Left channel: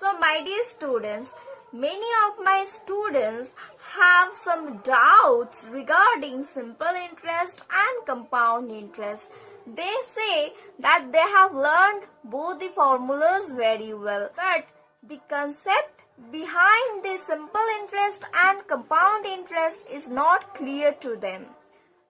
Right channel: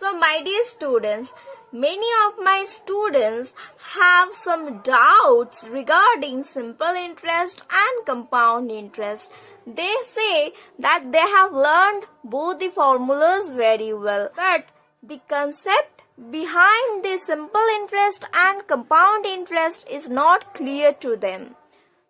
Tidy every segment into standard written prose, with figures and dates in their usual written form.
So my dear students, many of my students have some doubts regarding simple interest and compound interest. They say that they have learned both the formulas very well, but the concept behind the simple interest and compound interest is not clear to them.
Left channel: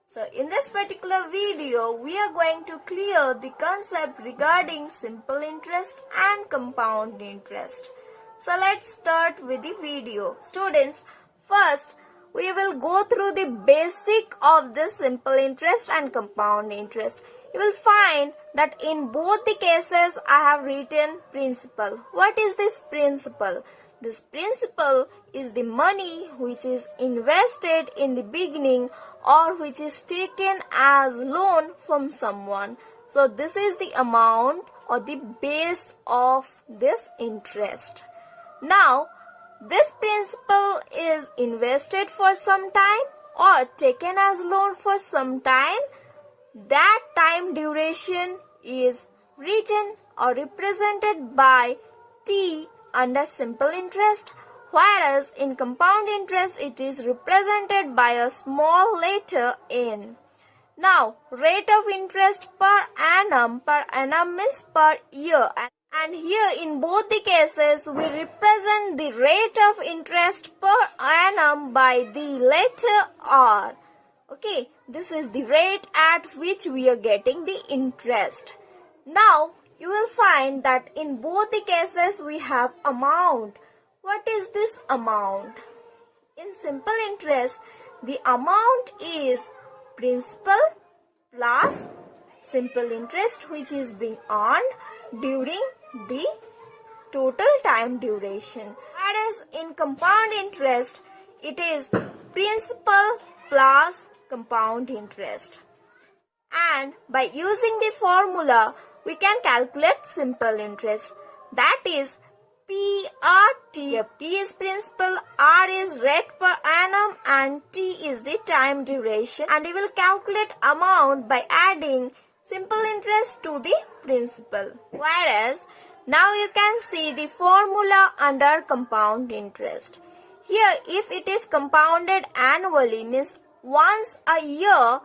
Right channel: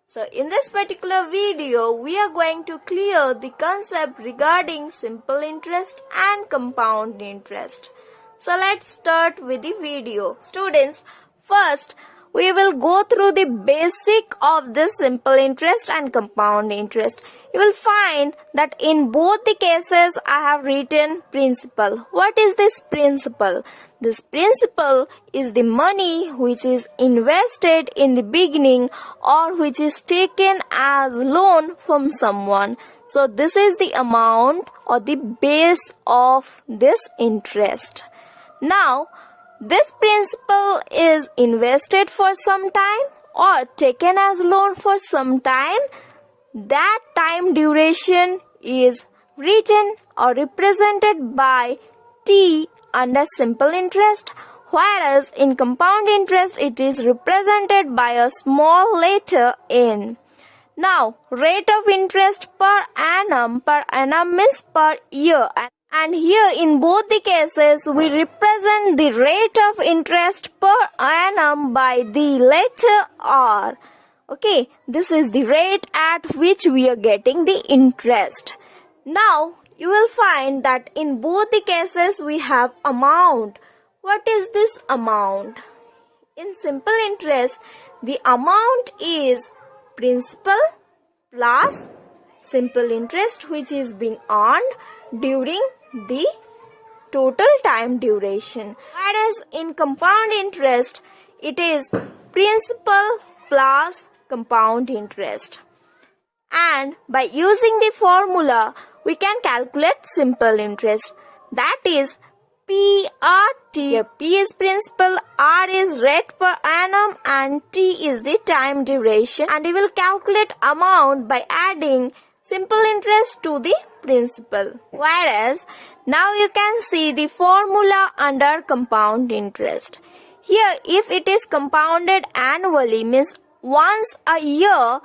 So in this particular video, we are going to clear the concept regarding simple interest and compound interest. So let's start with the video. Students, first we will go through the basic of this simple interest and compound interest. You will find that in both the cases I have written principal. What is this principal? This principal is the money which is invested in the beginning or which is taken as loan from someone. So this is the amount or the base of this interest. Now, this principal is invested for some time or taken as loan for some time. That time duration is written or represented by T under simple interest, whereas in compound interest it is represented by a small letter n. Now, rate of interest per annum means per year, and here in both the cases we represent the rate of interest per annum by the letter R. Okay, this is the rate at which we are getting the interest. Now, you will find that in both the cases we have amount. What is this amount? In simple interest, the amount is principal plus simple interest which is being earned during the total time duration. Whereas in compound interest, it is principal plus compound interest. And by using the formula, we can calculate simple interest. That is PRT. P is principal, R is rate per annum, and T is the time duration. And we will calculate amount by adding simple interest to the principal. Whereas now you can see the formula under compound interest. Here, if it is compounded annually, means once a year,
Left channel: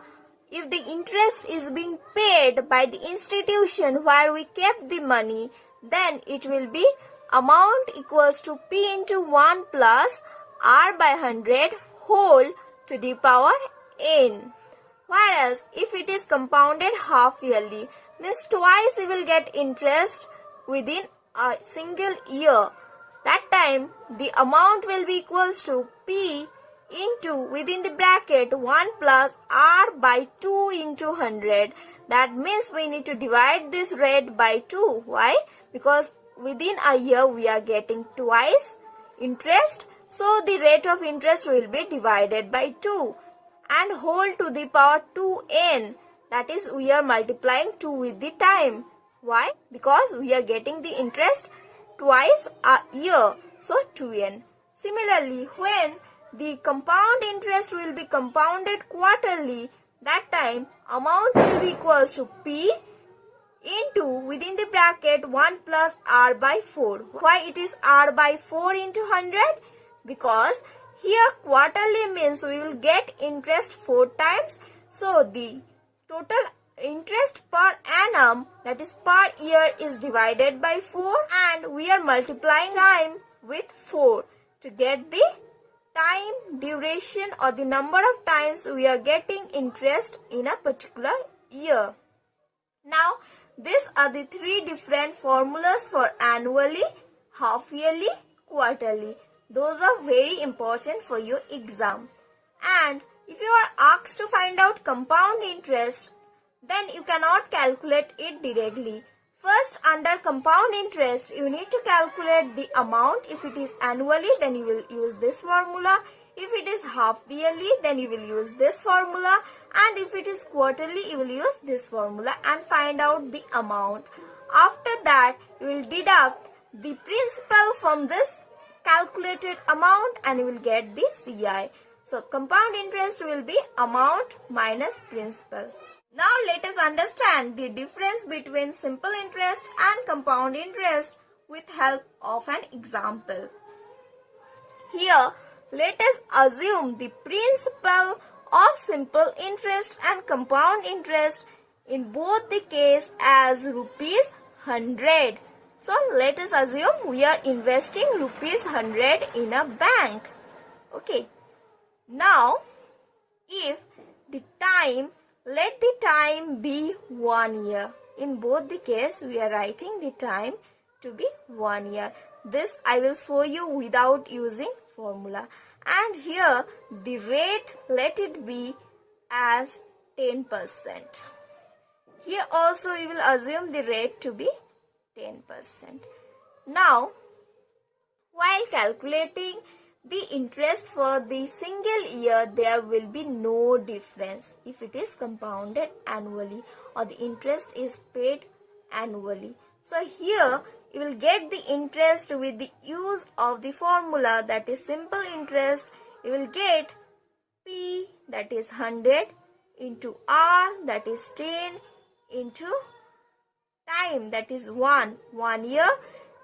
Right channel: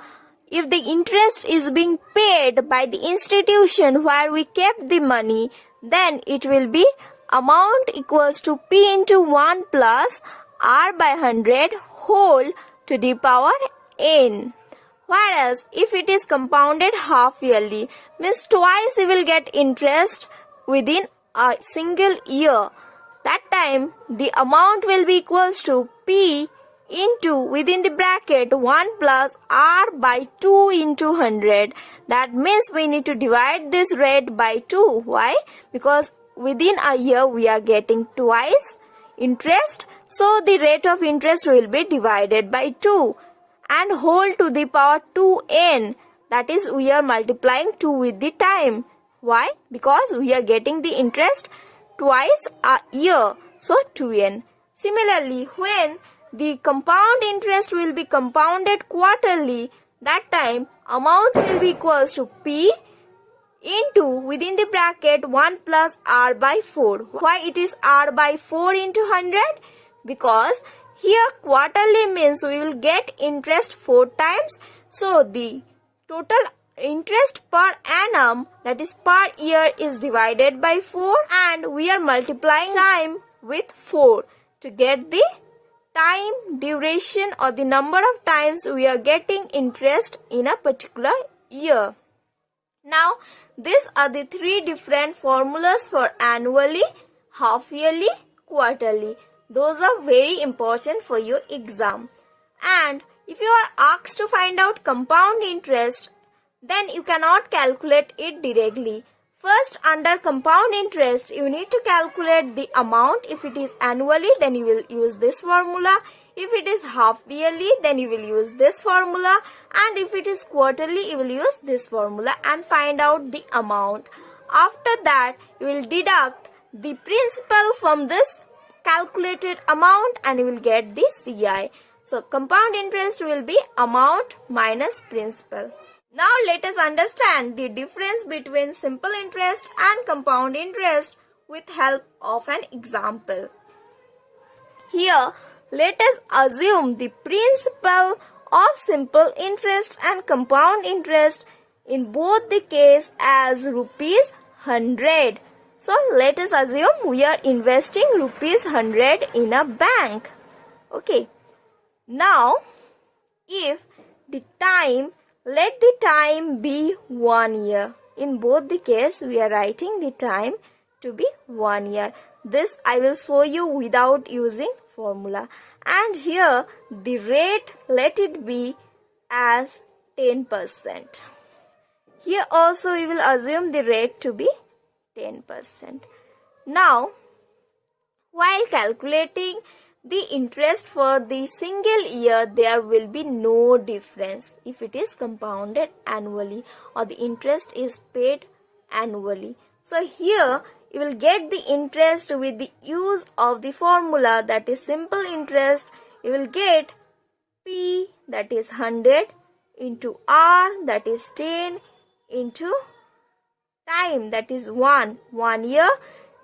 if the interest is being paid by the institution where we kept the money, then it will be amount equals to P into 1 plus R by 100 whole to the power n. Whereas if it is compounded half yearly, means twice you will get interest within a single year. That time the amount will be equals to P into within the bracket 1 plus R by 2 into 100. That means we need to divide this rate by 2. Why? Because within a year we are getting twice interest. So the rate of interest will be divided by 2 and whole to the power 2n. That is, we are multiplying 2 with the time. Why? Because we are getting the interest twice a year. So 2n. Similarly, when the compound interest will be compounded quarterly, that time amount will be equals to P into within the bracket 1 plus R by 4. Why it is R by 4 into 100? Because here quarterly means we will get interest 4 times. So the total interest per annum, that is per year, is divided by 4 and we are multiplying time with 4 to get the time duration or the number of times we are getting interest in a particular year. Now, these are the 3 different formulas for annually, half yearly, quarterly. Those are very important for your exam. And if you are asked to find out compound interest, then you cannot calculate it directly. First, under compound interest, you need to calculate the amount. If it is annually, then you will use this formula. If it is half yearly, then you will use this formula. And if it is quarterly, you will use this formula and find out the amount. After that, you will deduct the principal from this calculated amount and you will get the CI. So, compound interest will be amount minus principal. Now let us understand the difference between simple interest and compound interest. with help of an example. Here, let us assume the principal of simple interest and compound interest in both the case as rupees 100. So, let us assume we are investing rupees 100 in a bank. Okay. Now, if the time, let the time be 1 year. In both the case, we are writing the time to be 1 year. This I will show you without using formula. And here, the rate, let it be as 10%. Here also, we will assume the rate to be 10%. Now, while calculating the interest for the single year, there will be no difference if it is compounded annually or the interest is paid annually. So here you will get the interest with the use of the formula, that is simple interest. You will get P, that is 100, into R, that is 10, into time, that is 1 year,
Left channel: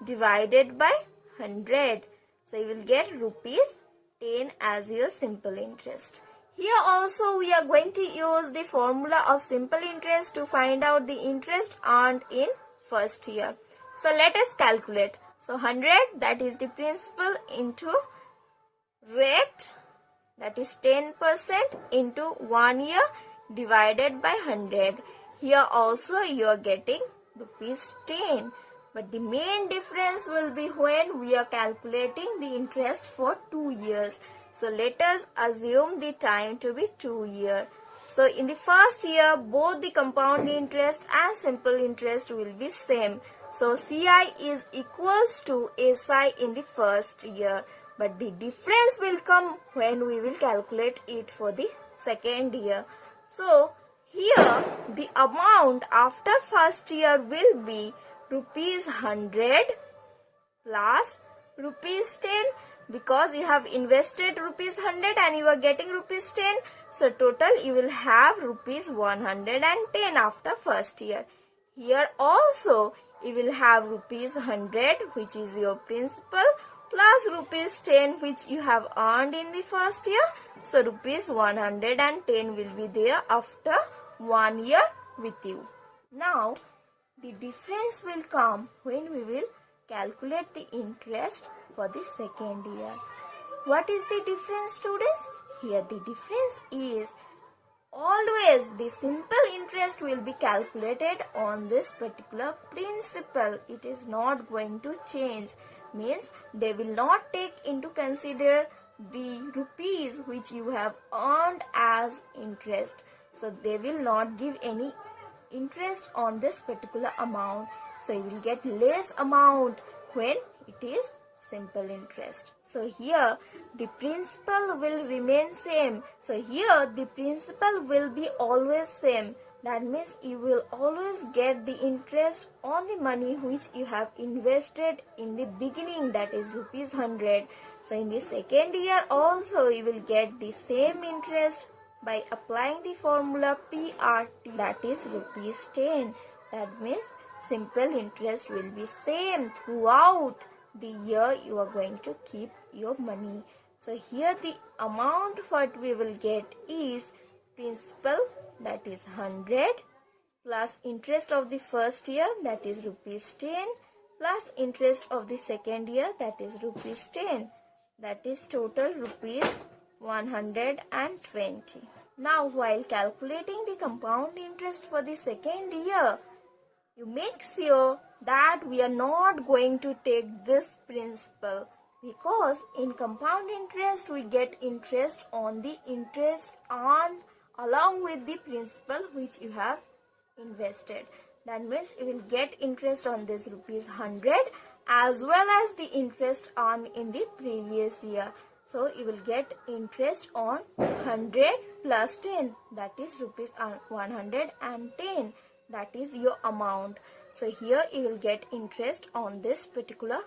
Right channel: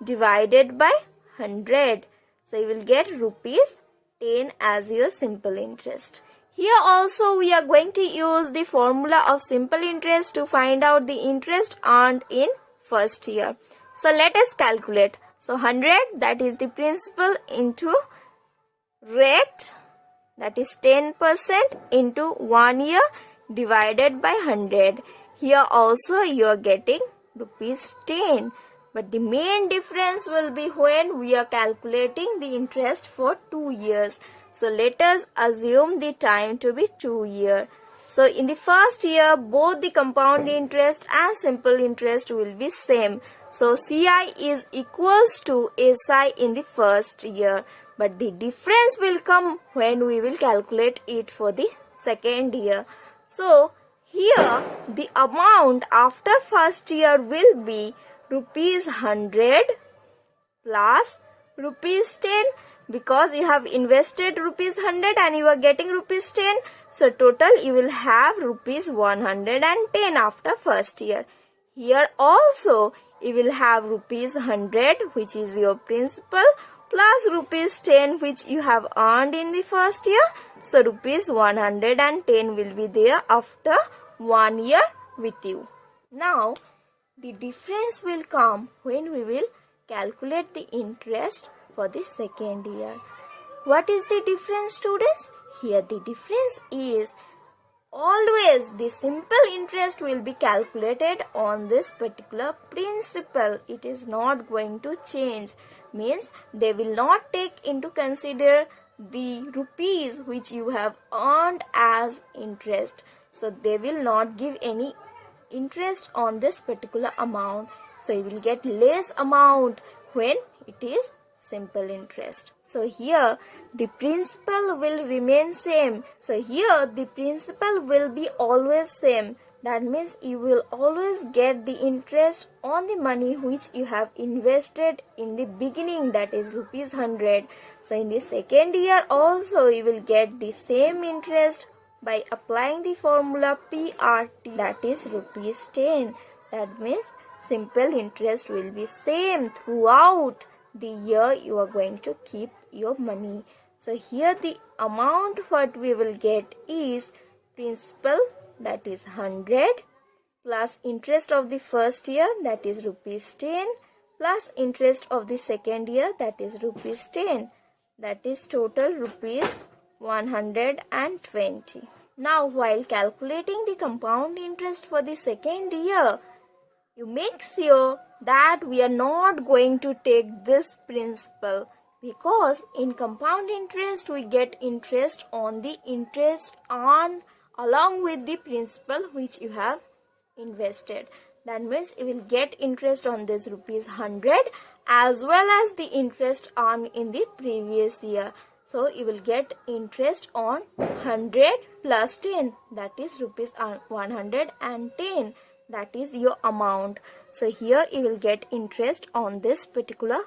divided by 100. So you will get rupees 10 as your simple interest. Here also we are going to use the formula of simple interest to find out the interest earned in first year. So let us calculate. So 100, that is the principal, into rate, that is 10%, into 1 year, divided by 100. Here also you are getting rupees 10. But the main difference will be when we are calculating the interest for 2 years. So let us assume the time to be 2 years. So in the first year, both the compound interest and simple interest will be same. So CI is equals to SI in the first year. But the difference will come when we will calculate it for the second year. So here the amount after first year will be rupees 100 plus rupees 10, because you have invested rupees 100 and you are getting rupees 10. So total you will have rupees 110 after first year. Here also you will have rupees 100, which is your principal, plus rupees 10, which you have earned in the first year. So rupees 110 will be there after 1 year with you. Now the difference will come when we will calculate the interest for the second year. What is the difference, students? Here the difference is always the simple interest will be calculated on this particular principle. It is not going to change. Means they will not take into consider the rupees which you have earned as interest. So they will not give any interest on this particular amount. So you will get less amount when it is simple interest. So here the principal will remain same. So here the principal will be always same. That means you will always get the interest on the money which you have invested in the beginning, that is rupees 100. So in the second year also you will get the same interest by applying the formula PRT, that is rupees 10. That means simple interest will be same throughout the year you are going to keep your money. So here the amount what we will get is principal, that is 100, plus interest of the first year, that is rupees 10, plus interest of the second year, that is rupees 10. That is total rupees 120. Now while calculating the compound interest for the second year, you make sure that we are not going to take this principal, because in compound interest we get interest on the interest earned along with the principal which you have invested. That means you will get interest on this rupees 100 as well as the interest earned in the previous year. So you will get interest on 100 plus 10, that is rupees 110. That is your amount. So here you will get interest on this particular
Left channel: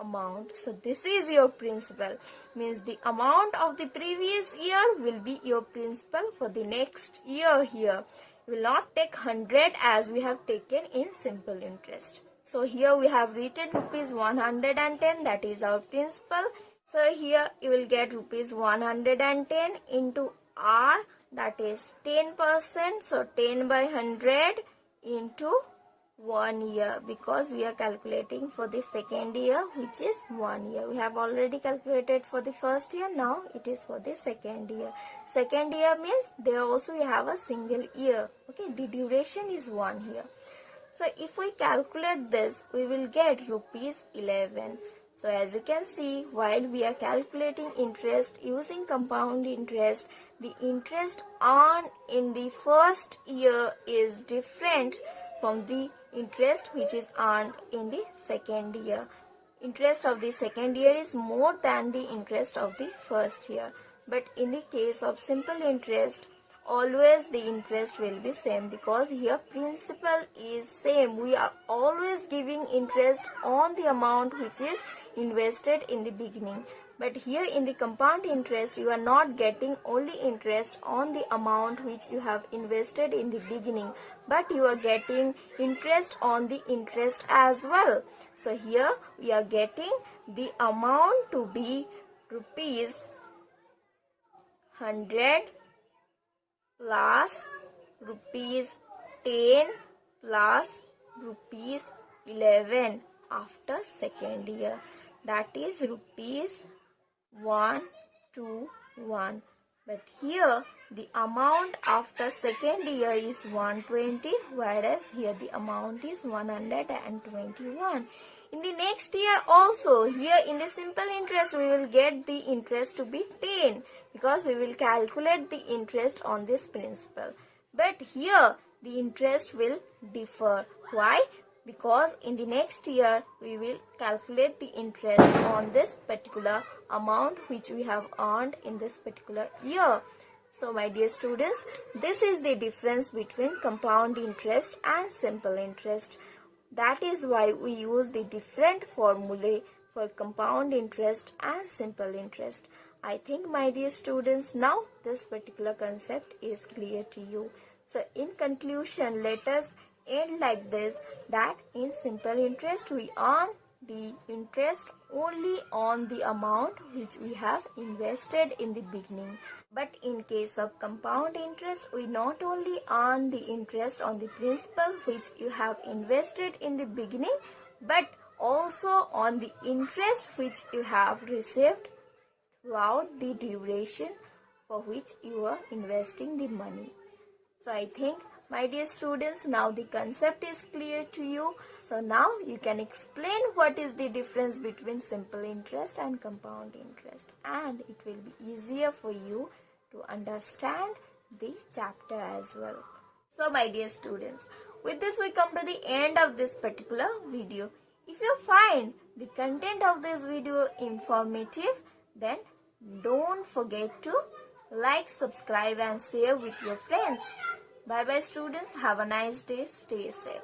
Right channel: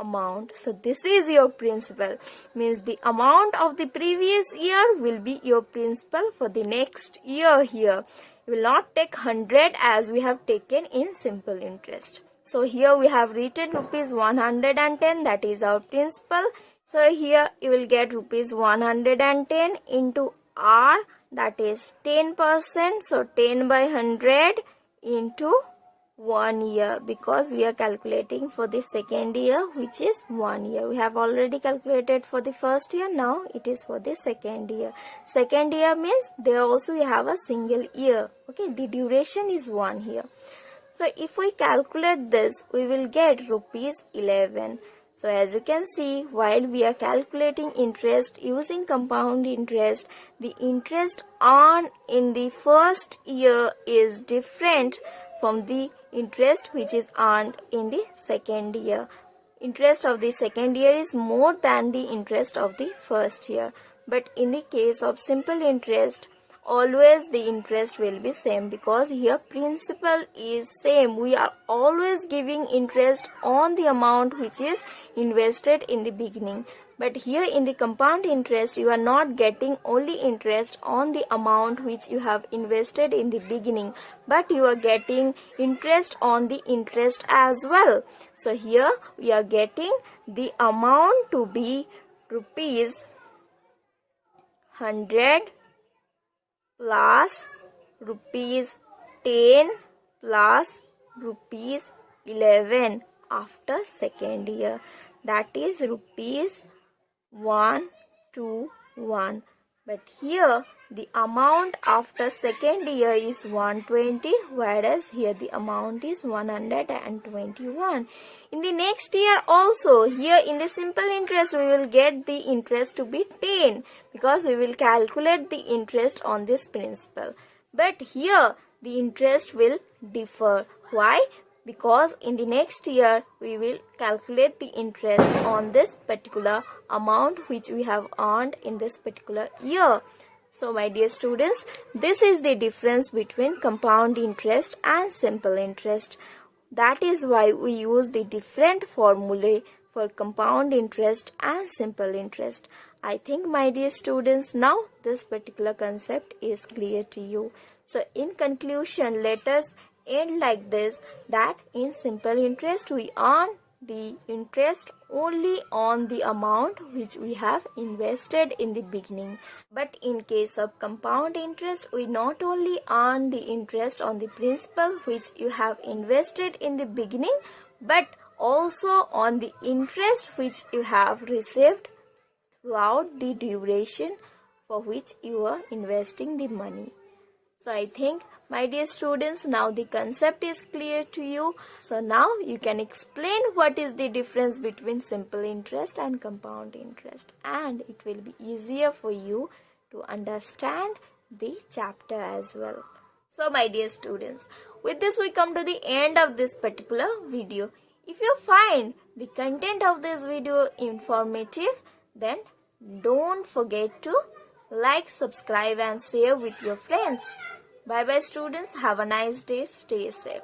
amount. So this is your principal. Means the amount of the previous year will be your principal for the next year here. You will not take 100 as we have taken in simple interest. So here we have written rupees 110, that is our principal. So here you will get rupees 110 into R, that is 10%. So 10 by 100 into 1 year, because we are calculating for the second year, which is 1 year. We have already calculated for the first year, now it is for the second year. Second year means there also we have a single year. Okay, the duration is 1 year. So if we calculate this, we will get rupees 11. So as you can see, while we are calculating interest using compound interest, the interest earned in the first year is different from the interest which is earned in the second year. Interest of the second year is more than the interest of the first year. But in the case of simple interest, always the interest will be same, because here principal is same. We are always giving interest on the amount which is invested in the beginning. But here in the compound interest, you are not getting only interest on the amount which you have invested in the beginning, but you are getting interest on the interest as well. So here we are getting the amount to be rupees 100 plus rupees 10 plus rupees 11 after second year, that is rupees 121. But here the amount after second year is 120, whereas here the amount is 121. In the next year also, here in the simple interest, we will get the interest to be 10, because we will calculate the interest on this principal. But here the interest will differ. Why? Because in the next year we will calculate the interest on this particular amount which we have earned in this particular year. So my dear students, this is the difference between compound interest and simple interest. That is why we use the different formulae for compound interest and simple interest. I think, my dear students, now this particular concept is clear to you. So in conclusion, let us end like this, that in simple interest we earn the interest only on the amount which we have invested in the beginning. But in case of compound interest, we not only earn the interest on the principal which you have invested in the beginning, but also on the interest which you have received throughout the duration for which you are investing the money. So I think, my dear students, now the concept is clear to you. So now you can explain what is the difference between simple interest and compound interest, and it will be easier for you to understand the chapter as well. So my dear students, with this we come to the end of this particular video. If you find the content of this video informative, then don't forget to like, subscribe and share with your friends. Bye bye students. Have a nice day. Stay safe.